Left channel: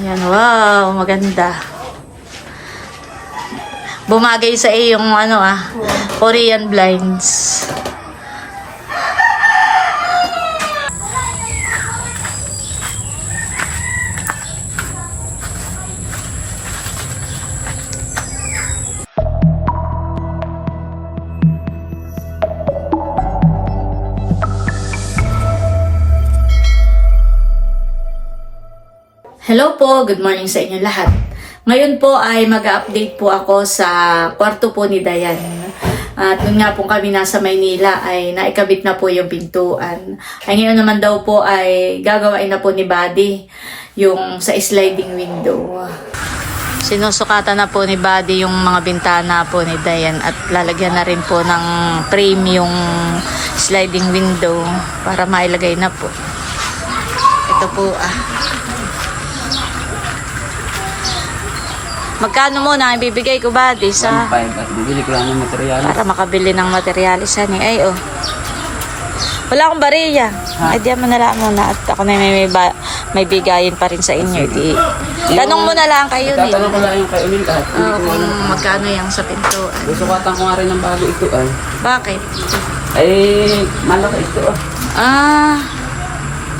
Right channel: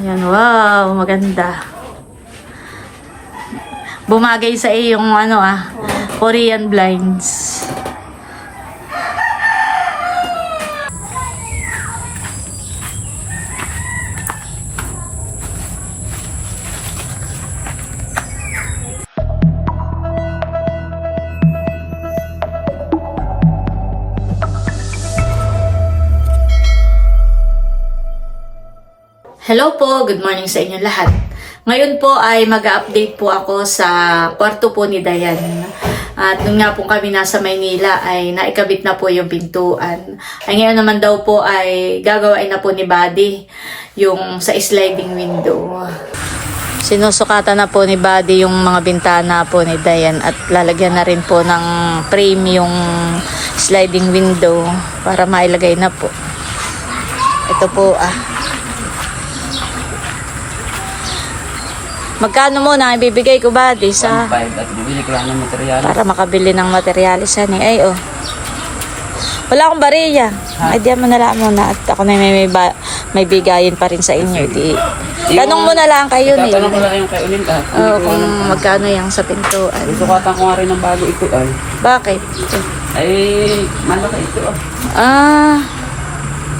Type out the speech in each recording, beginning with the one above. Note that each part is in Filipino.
Ayan, wow, maganda. Bumagay sa iyong ano ah, Korean blinds. Hello po, good morning sa inyo lahat. Ngayon po ay mag-update po ako sa kwarto po ni Dayan. At nung nga po kami nasa Maynila ay naikabit na po yung pintuan. Ay ngayon naman daw po ay gagawain na po ni Buddy yung sa sliding window. Sinusukatan na po ni Buddy yung mga bintana po ni Dayan at lalagyan na rin po ng frame yung sliding window para mailagay na po. Ito po ah. Magkano muna ang ibibigay ko ba di sa 1.5 at bibili ko lang ng material. para makabili ng materialis ani ay oh. Wala akong bariya. Ay diyan mo na lang muna at ako na may may, ba, may bigayin pa rin sa inyo. Di. Tanong mo na lang kayo ni. Tatanong ko lang yung kay Unil kahit hindi Oo, ko kung alam. magkano yung sa pintuan. Gusto ko atang ko nga rin ng bago ito ay. Bakit? Ay, malaki ito ah. Ah,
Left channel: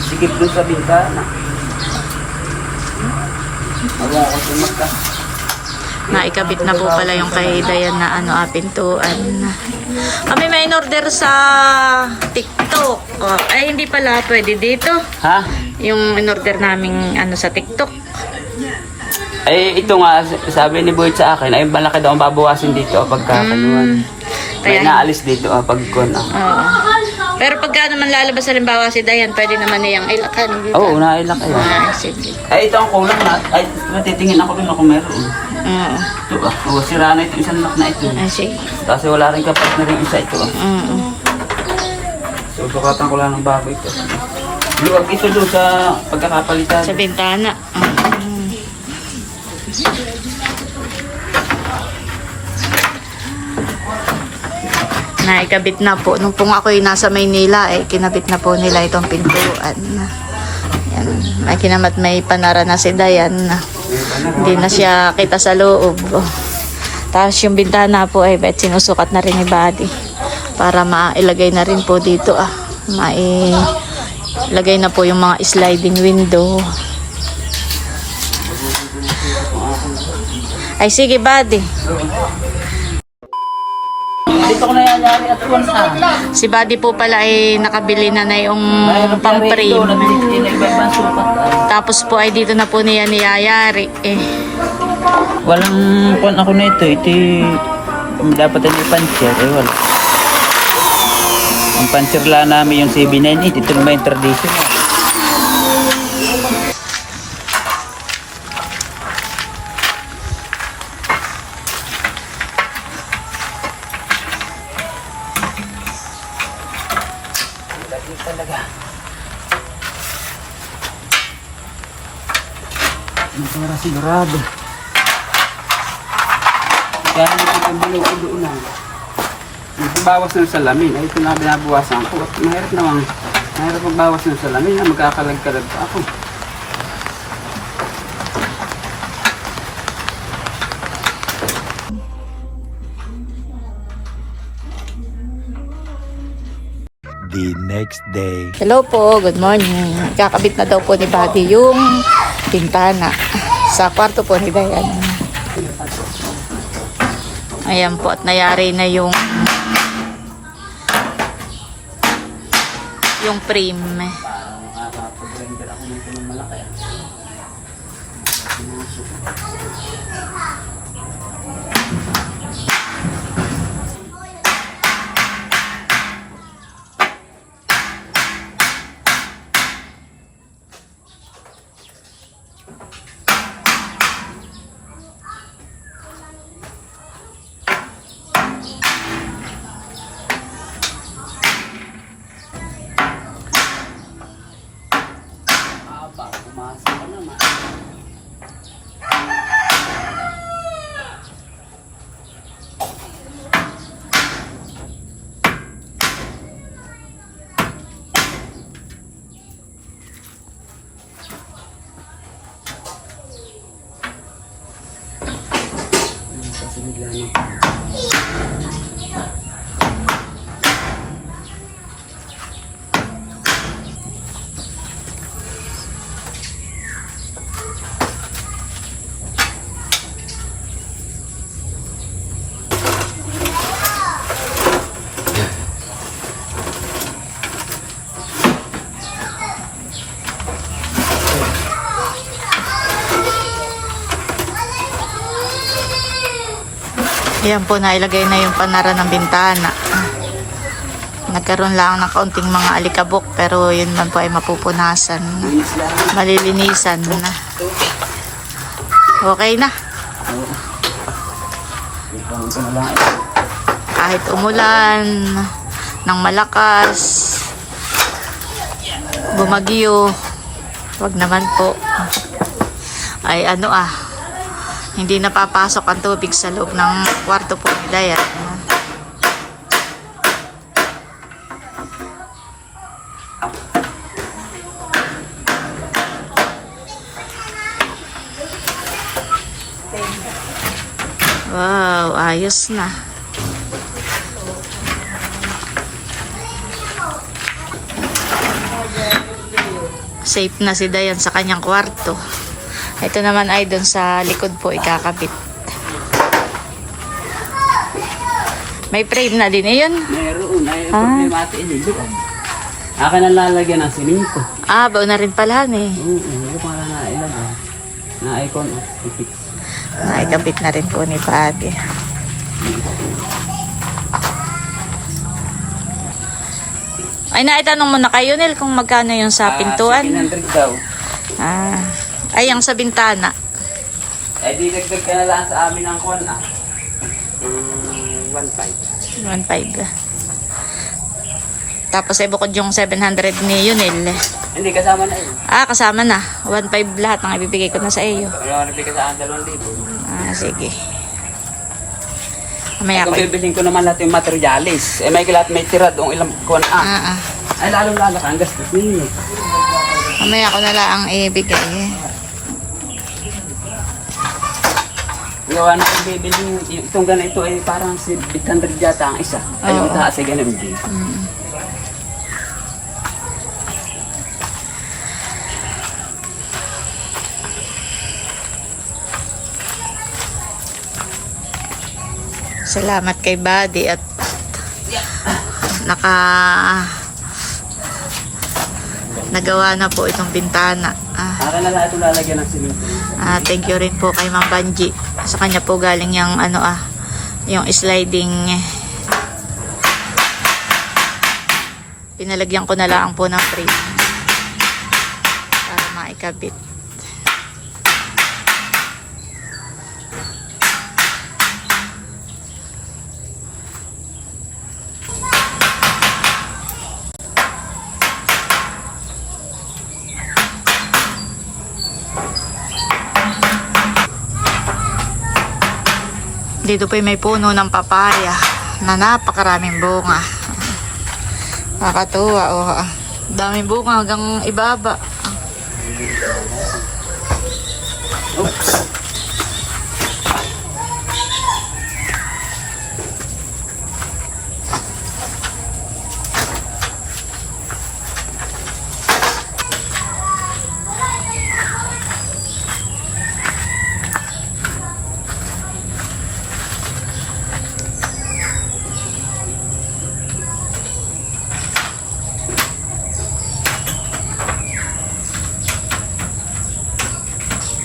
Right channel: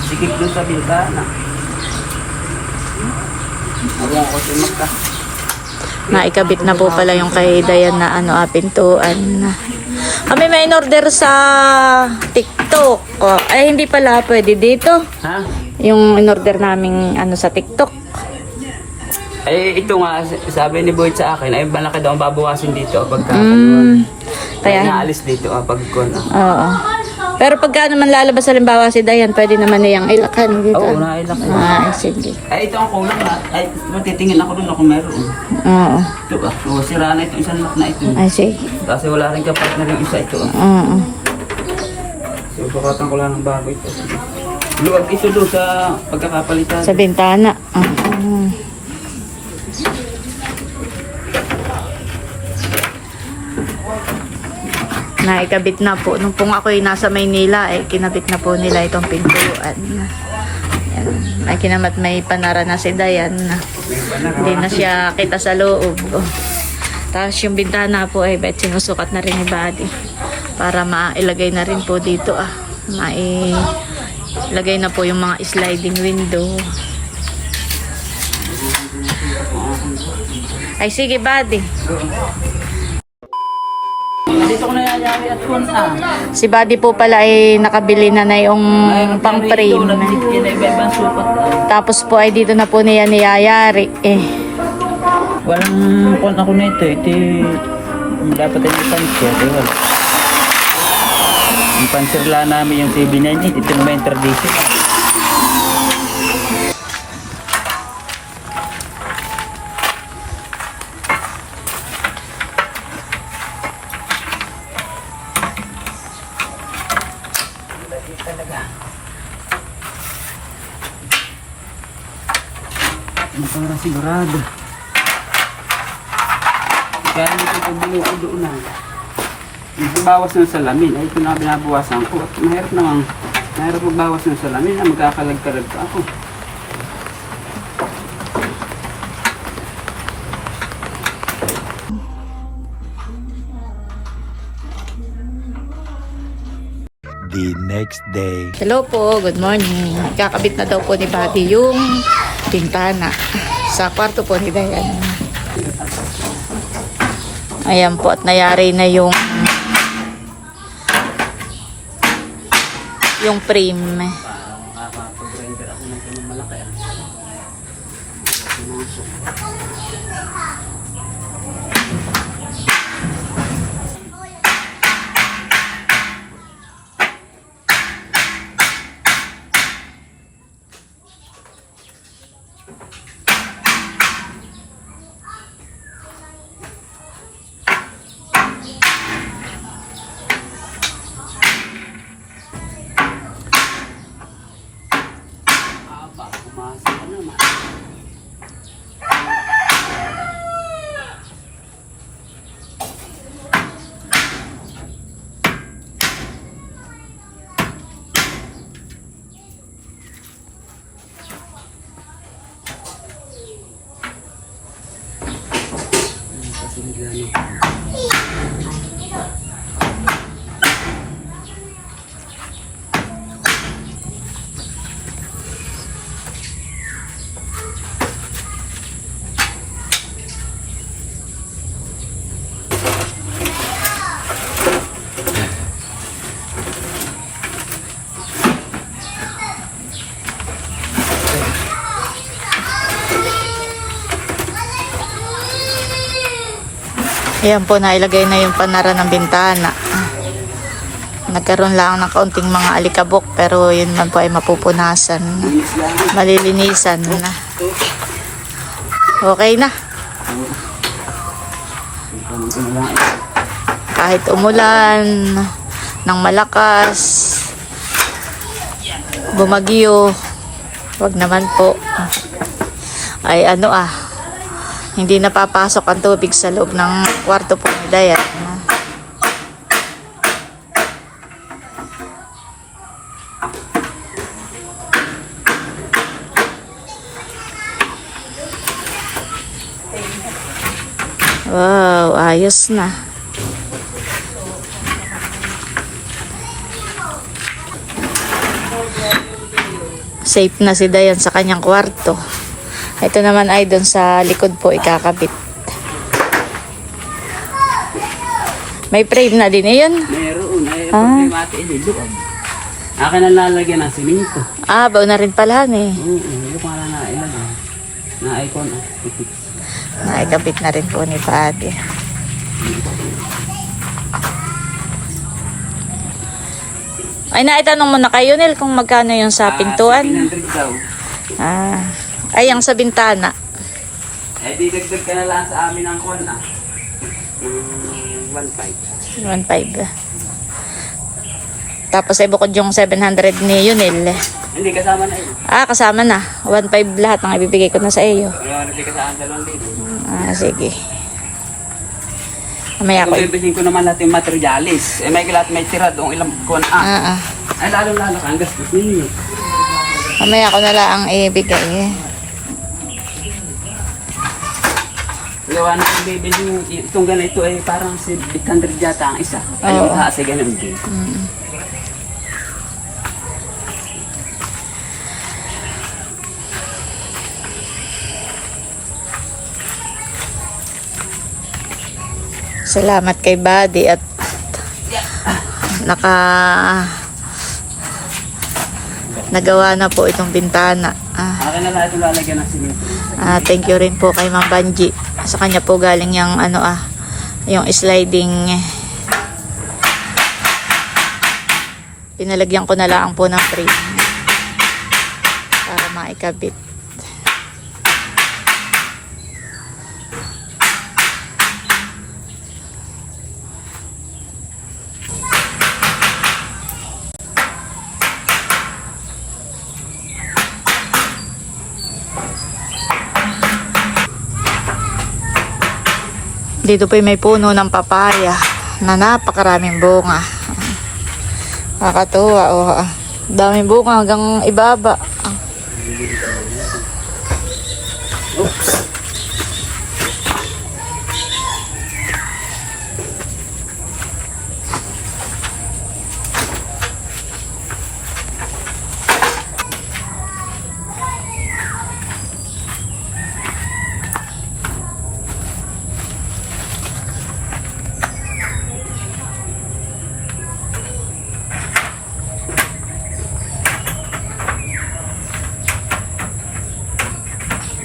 Sikip dun sa bintana. Wala ako sumaka. Naikabit na po pala yung kay Dayan na ano ah, pintuan. Kami may in-order sa TikTok. Oh, ay hindi pala pwede dito. Ha? Yung in-order naming ano sa TikTok. Ay, ito nga, sabi ni Boyd sa akin, ay malaki daw ang babawasin dito pagka Mm, kaya kaya naalis dito ah, pag kun ah. Oo. Pero pagka naman lalabas halimbawa si Dayan, pwede naman niyang ilakan dito. Oo, nailak eh. Ah, sige. Ay, ito ang kulang na. Ay, matitingin ako dun kung meron. Oo. Ito ah, oh, sira na ito, isang lock na ito. Ah, sige. Kasi wala rin kapat na rin isa ito ah. Oo. So, sukatan ko lang ng bago ito. Luwag ito doon sa pagkakapalitan. Sa bintana. Mm. Naikabit na po. Nung pong ako'y nasa Maynila, eh, kinabit na po nila itong pintuan. Yan. May kinamat may panara na si Dayan. Hindi na siya kita sa loob. Oh. Tapos yung bintana po ay bet sinusukat na rin ni Buddy. Para mailagay na rin po dito ah. Mailagay na po yung mga sliding window. Ay sige Buddy. Dito ko nayayari at once ah. Si Buddy po pala ay nakabili na na yung pang Yun frame. na iba-ibang sukat. Tapos po ay dito na po niya niyayari. Eh. Walang kon ako na ito. Ito dapat ay may puncher. Eh, wala. Ang puncher lang namin yung 798. Ito naman yung traditional. Para sigurado. Kaya ito yung binuo doon na. Bawas ng salamin. Ay, ito na binabawasan ko. At mahirap namang, mahirap magbawas ng salamin na magkakalag-kalag pa ako. the next day. Hello po, good morning. Kakabit na daw po ni Buddy yung bintana sa kwarto po ni Dayan. Ayan po at nayari na yung yung frame. Bigla no. Ayan po, nailagay na yung panara ng bintana. Nagkaroon lang ng kaunting mga alikabok pero yun man po ay mapupunasan. Malilinisan na. Okay na. Kahit umulan ng malakas, bumagyo, wag naman po. Ay ano ah, hindi napapasok ang tubig sa loob ng kwarto po ni Dayan. Wow, ayos na. Safe na si Dayan sa kanyang kwarto. Ito naman ay doon sa likod po ikakabit. May frame na din eh yun. Mayroon, may Ah. problema ate iniluwag. Akin ang lalagyan ng siminto. Ah, bao na rin pala eh. Oo, hindi ko para na ilagay. Na icon, ah, i-fix. Naikabit na rin po ni Padre. Ay, naitanong mo na kayo, Nel, kung magkano yung sa pintuan. 700 daw. Ah, ay, ang sa bintana. Eh, di dagdag ka na lang sa amin ng kon, ah. Ng 1.5. 1.5. Tapos ay bukod yung 700 ni Yunel. Hindi, kasama na yun. Ah, kasama na. 1.5 lahat ng ibibigay ko na sa iyo. Wala rin kasama dalawang dito. Ah, sige. Mamaya ko. Bibihin ko naman yung materialis, eh may lahat may tira doong ilang kon, ah. Ah, ah. Ay, lalo-lalo ka, ang gastos ninyo. Mamaya ko na lang ang ibigay. eh. Gawa na ang bibili, itong ganito ay parang si 800 yata ang isa. Ay, Oo. taas ay ganun din. Mm. Salamat kay Buddy at naka nagawa na po itong bintana. Ah, Akin na lahat yung lalagyan ng simento. ah, thank you rin po kay Ma'am Banji. Sa kanya po galing yung ano ah, yung sliding pinalagyan ko na lang po ng frame para maikabit. Dito po may puno ng papaya na napakaraming bunga. Nakakatuwa. Oh. Daming bunga hanggang ibaba.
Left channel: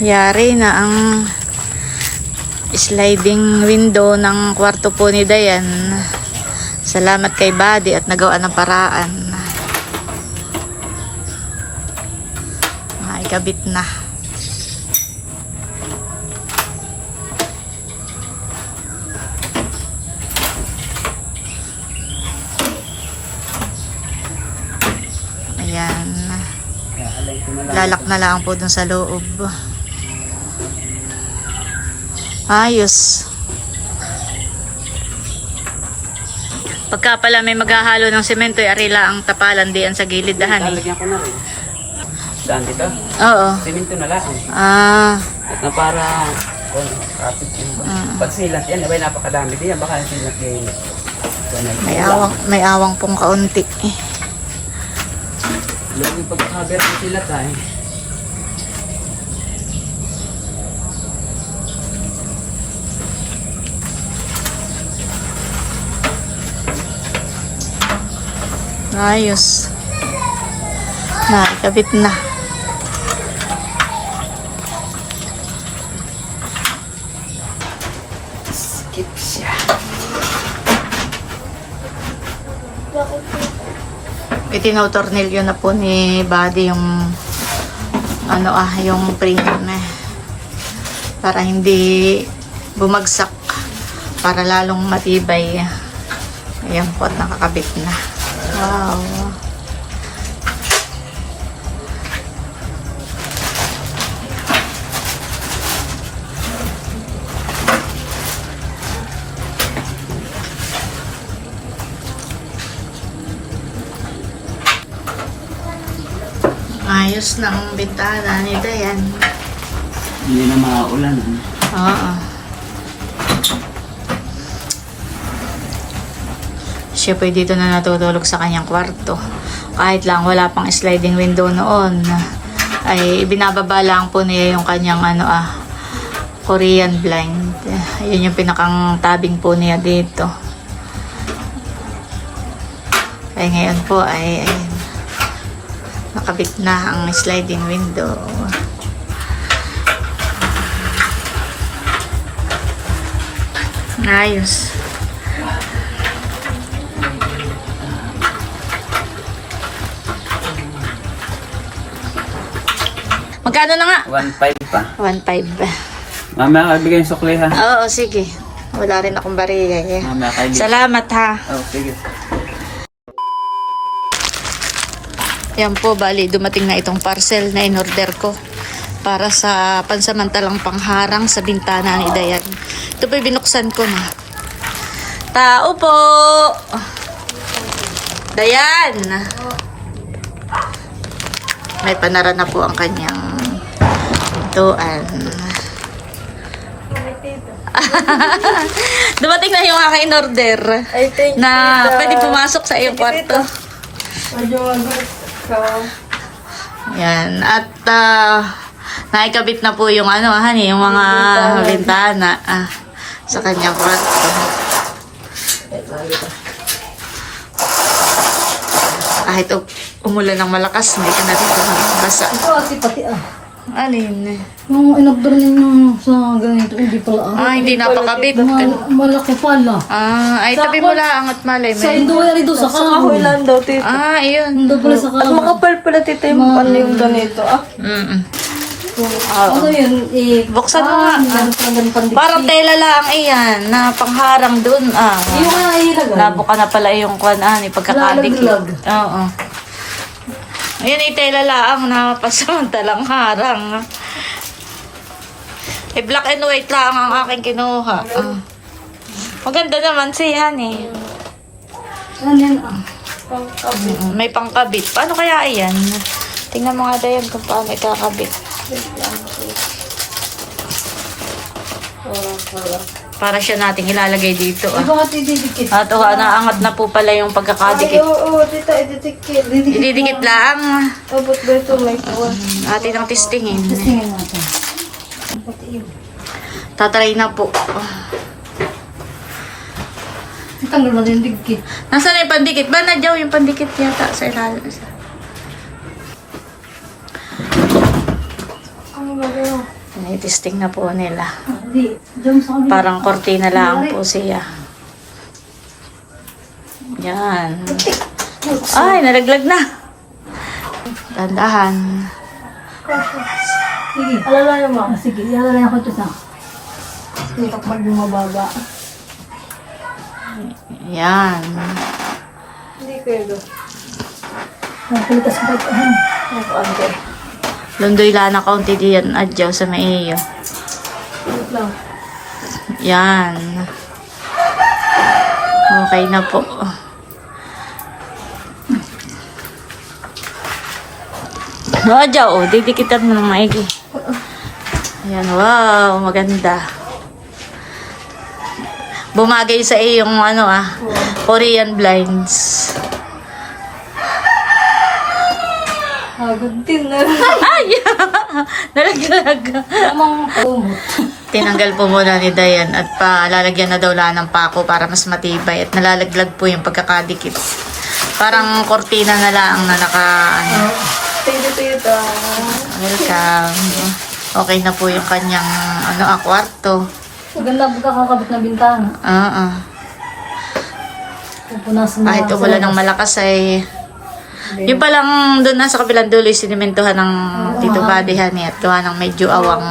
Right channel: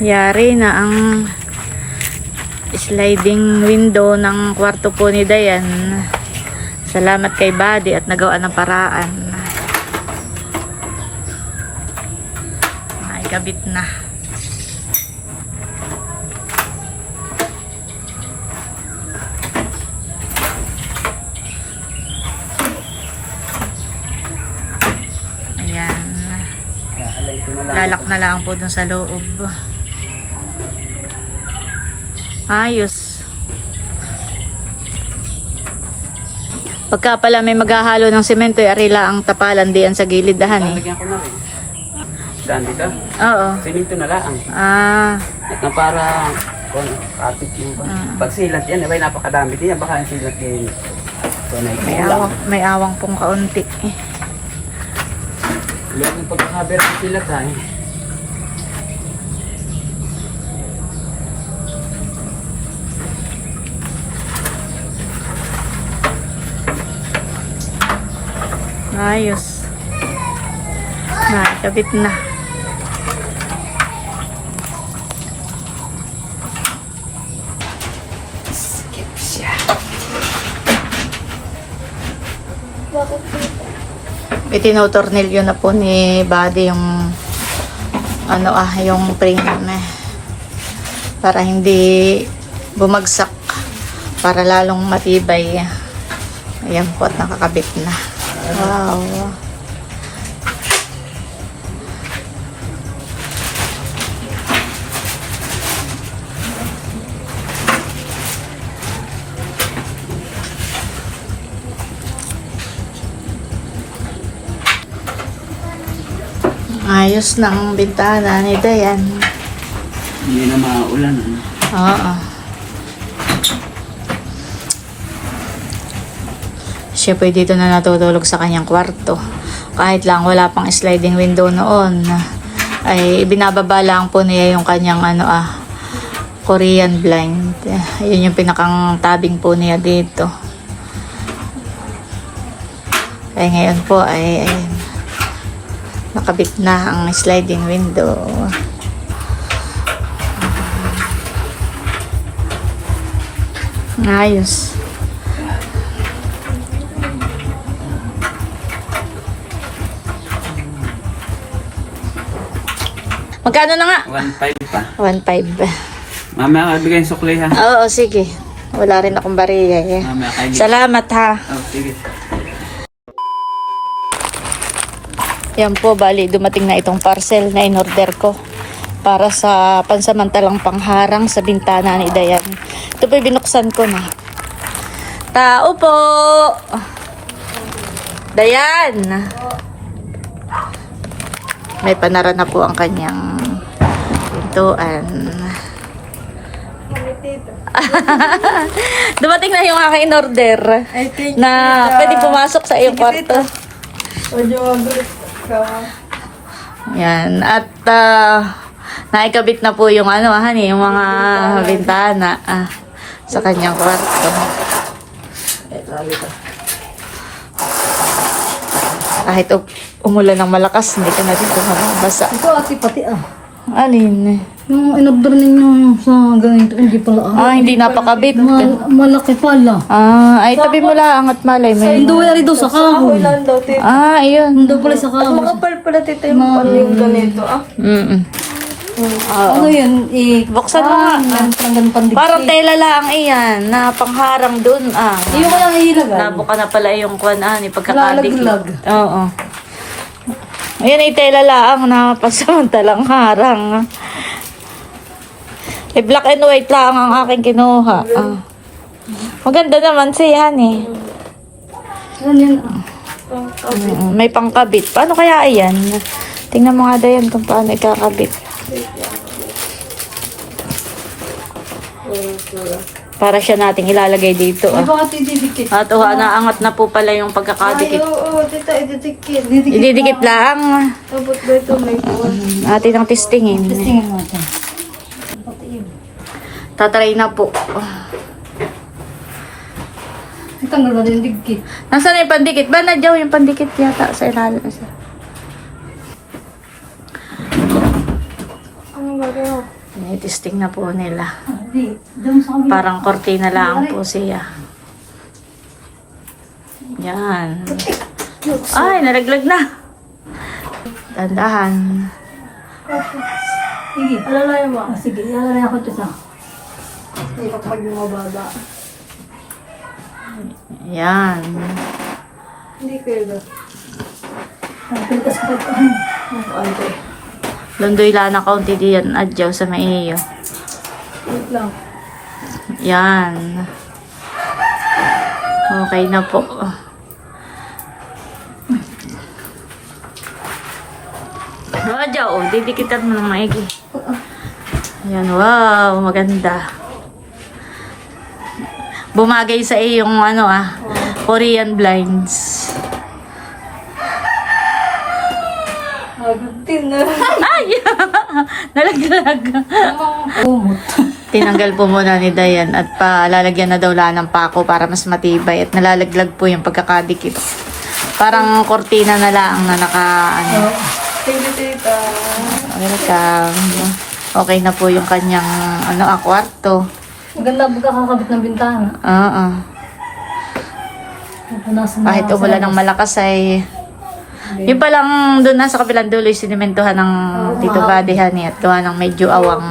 Yari na ang sliding window ng kwarto po ni Dayan. Salamat kay Buddy at nagawa ng paraan. Naikabit na. Ayan. Lalak na lang po dun sa loob. Ayos. Pagka pala may maghahalo ng semento, ay arila ang tapalan diyan sa gilid dahan eh. Lalagyan ko na rin. Saan dito? Oo. Simento na lang. Ah, At na para kung kapit yung pag silat yan, abay napakadami din yan, baka yung silat na May awang, may awang pong kaunti. Lagi yung pagkakaber ng silat ay. Ayos. Nakikabit na. Skip siya. Itinotornilyo na po ni Buddy yung ano ah, yung frame eh. Para hindi bumagsak. Para lalong matibay. Ayan po at nakakabit na. Wow. Ayos ng bintana ni Dayan. Hindi na maulan. Ano? Oo. Siya po dito na natutulog sa kanyang kwarto. Kahit lang wala pang sliding window noon. Ay ibinababa lang po niya yung kanyang ano ah Korean blind. Ayun yung pinakang tabing po niya dito. Ay ngayon po ay, ay nakabit na ang sliding window. Ayos. Magkano na nga? 1.5 pa. 1.5. Mamaya kabigay yung sukli ha. Oo, sige. Wala rin akong bariya eh. Mamaya kabigay. Salamat ha. Oh, sige. Yan po, bali, dumating na itong parcel na in-order ko para sa pansamantalang pangharang sa bintana ni Dayan. Ito po, binuksan ko na. Tao po! Dayan! May panara na po ang kanyang pintuan. Dumating na yung aking in-order na pwede pumasok sa iyong kwarto. Yan. At ah, naikabit na po yung ano, hani, yung mga bintana ah, sa kanyang kwarto. Kahit u- umulan ng malakas, hindi ka na rin basa. Ito ate pati ah. Alin? Yung inabdor ninyo sa ganito, hindi pala ah. Ah, hindi napakabit. Ma- malaki pala. Ah, ay tabi mo lang at malay. Sa May... Indo yan ito sa kahoy. Ah, ayun. Indo pala sa kahoy. Makapal pala tito yung ano yung ganito. Ah, Mm-mm. Oo. Ano yun? I- Buksan mo nga. Ah. Parang pandikit. Parang tela lang iyan, na pangharang dun. Ah, Yung kaya ilagay. Nabuka na pala yung kwan, ah, ni pagkakadikit. Nalaglag. Oo. Ayan ay tela lang na pasamantalang harang. Eh, black and white lang ang aking kinuha. Ah. Maganda naman siya, eh. Ganyan ah. Mm, May pangkabit. Paano kaya ayan? Tingnan mo nga dayan kung paano ikakabit. Para siya nating ilalagay dito. Ah. Ito. At oh, naangat na po pala yung pagkakadikit. oo, oo, tita, ididikit. Didikit. Ididikit lang. Tapos ba ito may kuwan? Atin ang testingin. Tingnan natin. Tatry na po. Tanggal mo din dikit. Nasaan na yung pandikit? Ba nadyaw yung pandikit yata sa ilalim. Sa... Ano ba ba? Tinitesting na po nila. Parang kortina lang po siya. Yan. Ay, nalaglag na. Tandahan. Sige. Alalayan mo. Sige, ilalagay ako ito sa. Hindi kapag bumababa. Yan. Hindi pwede. Nagpilitas ko pa ito. Ang konti. Lundoy lana kaunti diyan adyaw sa maiyo. Wait lang. Yan. Okay na po. Adyaw, oh, didikitan mo ng maigi. Ayan, wow, maganda. Bumagay sa iyong ano ah, Korean blinds. Agad din na. Ay! Nalaglag. Tamang kumot. Tinanggal po muna ni Dayan at palalagyan na daw lang ng pako para mas matibay at nalalaglag po yung pagkakadikit. Parang kortina na lang na naka ano. Welcome. Okay na po yung kanyang ano ah, kwarto. Maganda ang kakakabit na bintana. Oo. Pupunasan na Kahit lang sa umulan ng malakas ay yung palang doon na sa kabilang dulo yung sinimentohan ng Tito Buddy Honey at gawa ng medyo awang.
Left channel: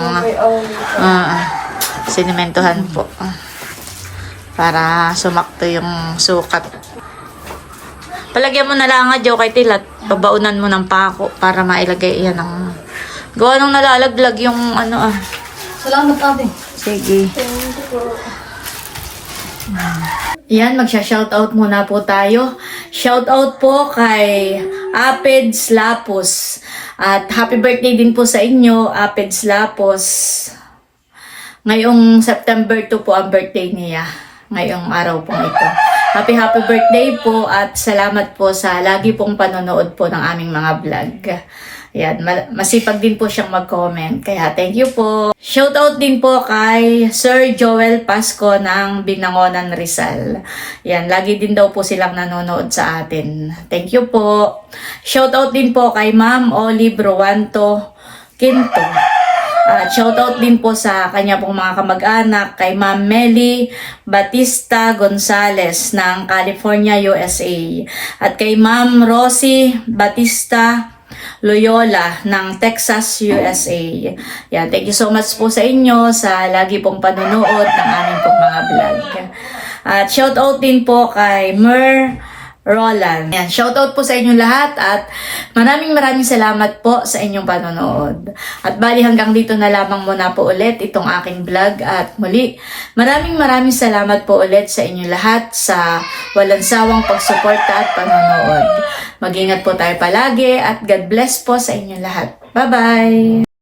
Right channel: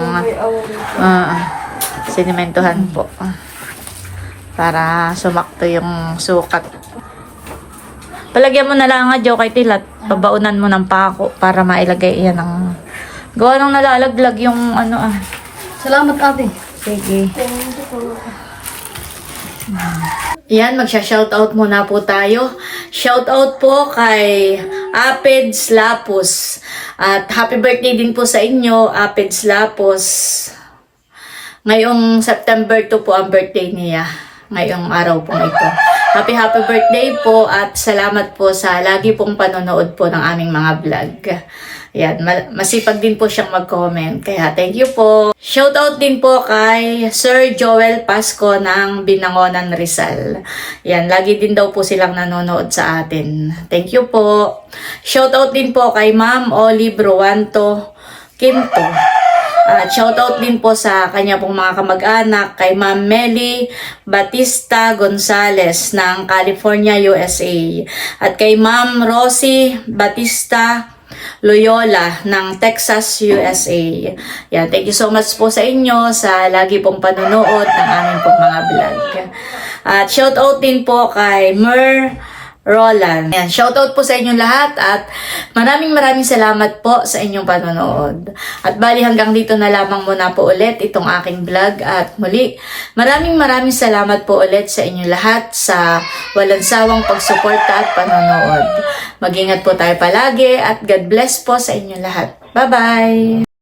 Ah, sinimentohan po. Para sumakto yung sukat. Palagyan mo na lang nga, Joe, kay Tilat. Pabaunan mo ng pako para mailagay yan ng... Gawa nung nalalaglag yung ano ah. Salamat ate. Sige. Yan, magsha-shoutout muna po tayo. Shoutout po kay Apeds Lapos. At happy birthday din po sa inyo, Apeds Lapos. Ngayong September 2 po ang birthday niya. Ngayong araw pong ito. Happy happy birthday po at salamat po sa lagi pong panonood po ng aming mga vlog. Yan, ma- masipag din po siyang mag-comment. Kaya thank you po. Shoutout din po kay Sir Joel Pasco ng Binangonan Rizal. Yan, lagi din daw po silang nanonood sa atin. Thank you po. Shoutout din po kay Ma'am Olive Ruanto Quinto. At shoutout din po sa kanya pong mga kamag-anak kay Ma'am Melly Batista Gonzales ng California, USA. At kay Ma'am Rosie Batista Loyola ng Texas, USA. Yan, thank you so much po sa inyo sa lagi pong panonood ng aming pong mga vlog. At shoutout din po kay Mer Roland. Yan, shoutout po sa inyong lahat at maraming maraming salamat po sa inyong panonood. At bali hanggang dito na lamang muna po ulit itong aking vlog at muli maraming maraming salamat po ulit sa inyong lahat sa walang sawang pagsuporta at panonood. Mag-ingat po tayo palagi at God bless po sa inyong lahat. Bye-bye!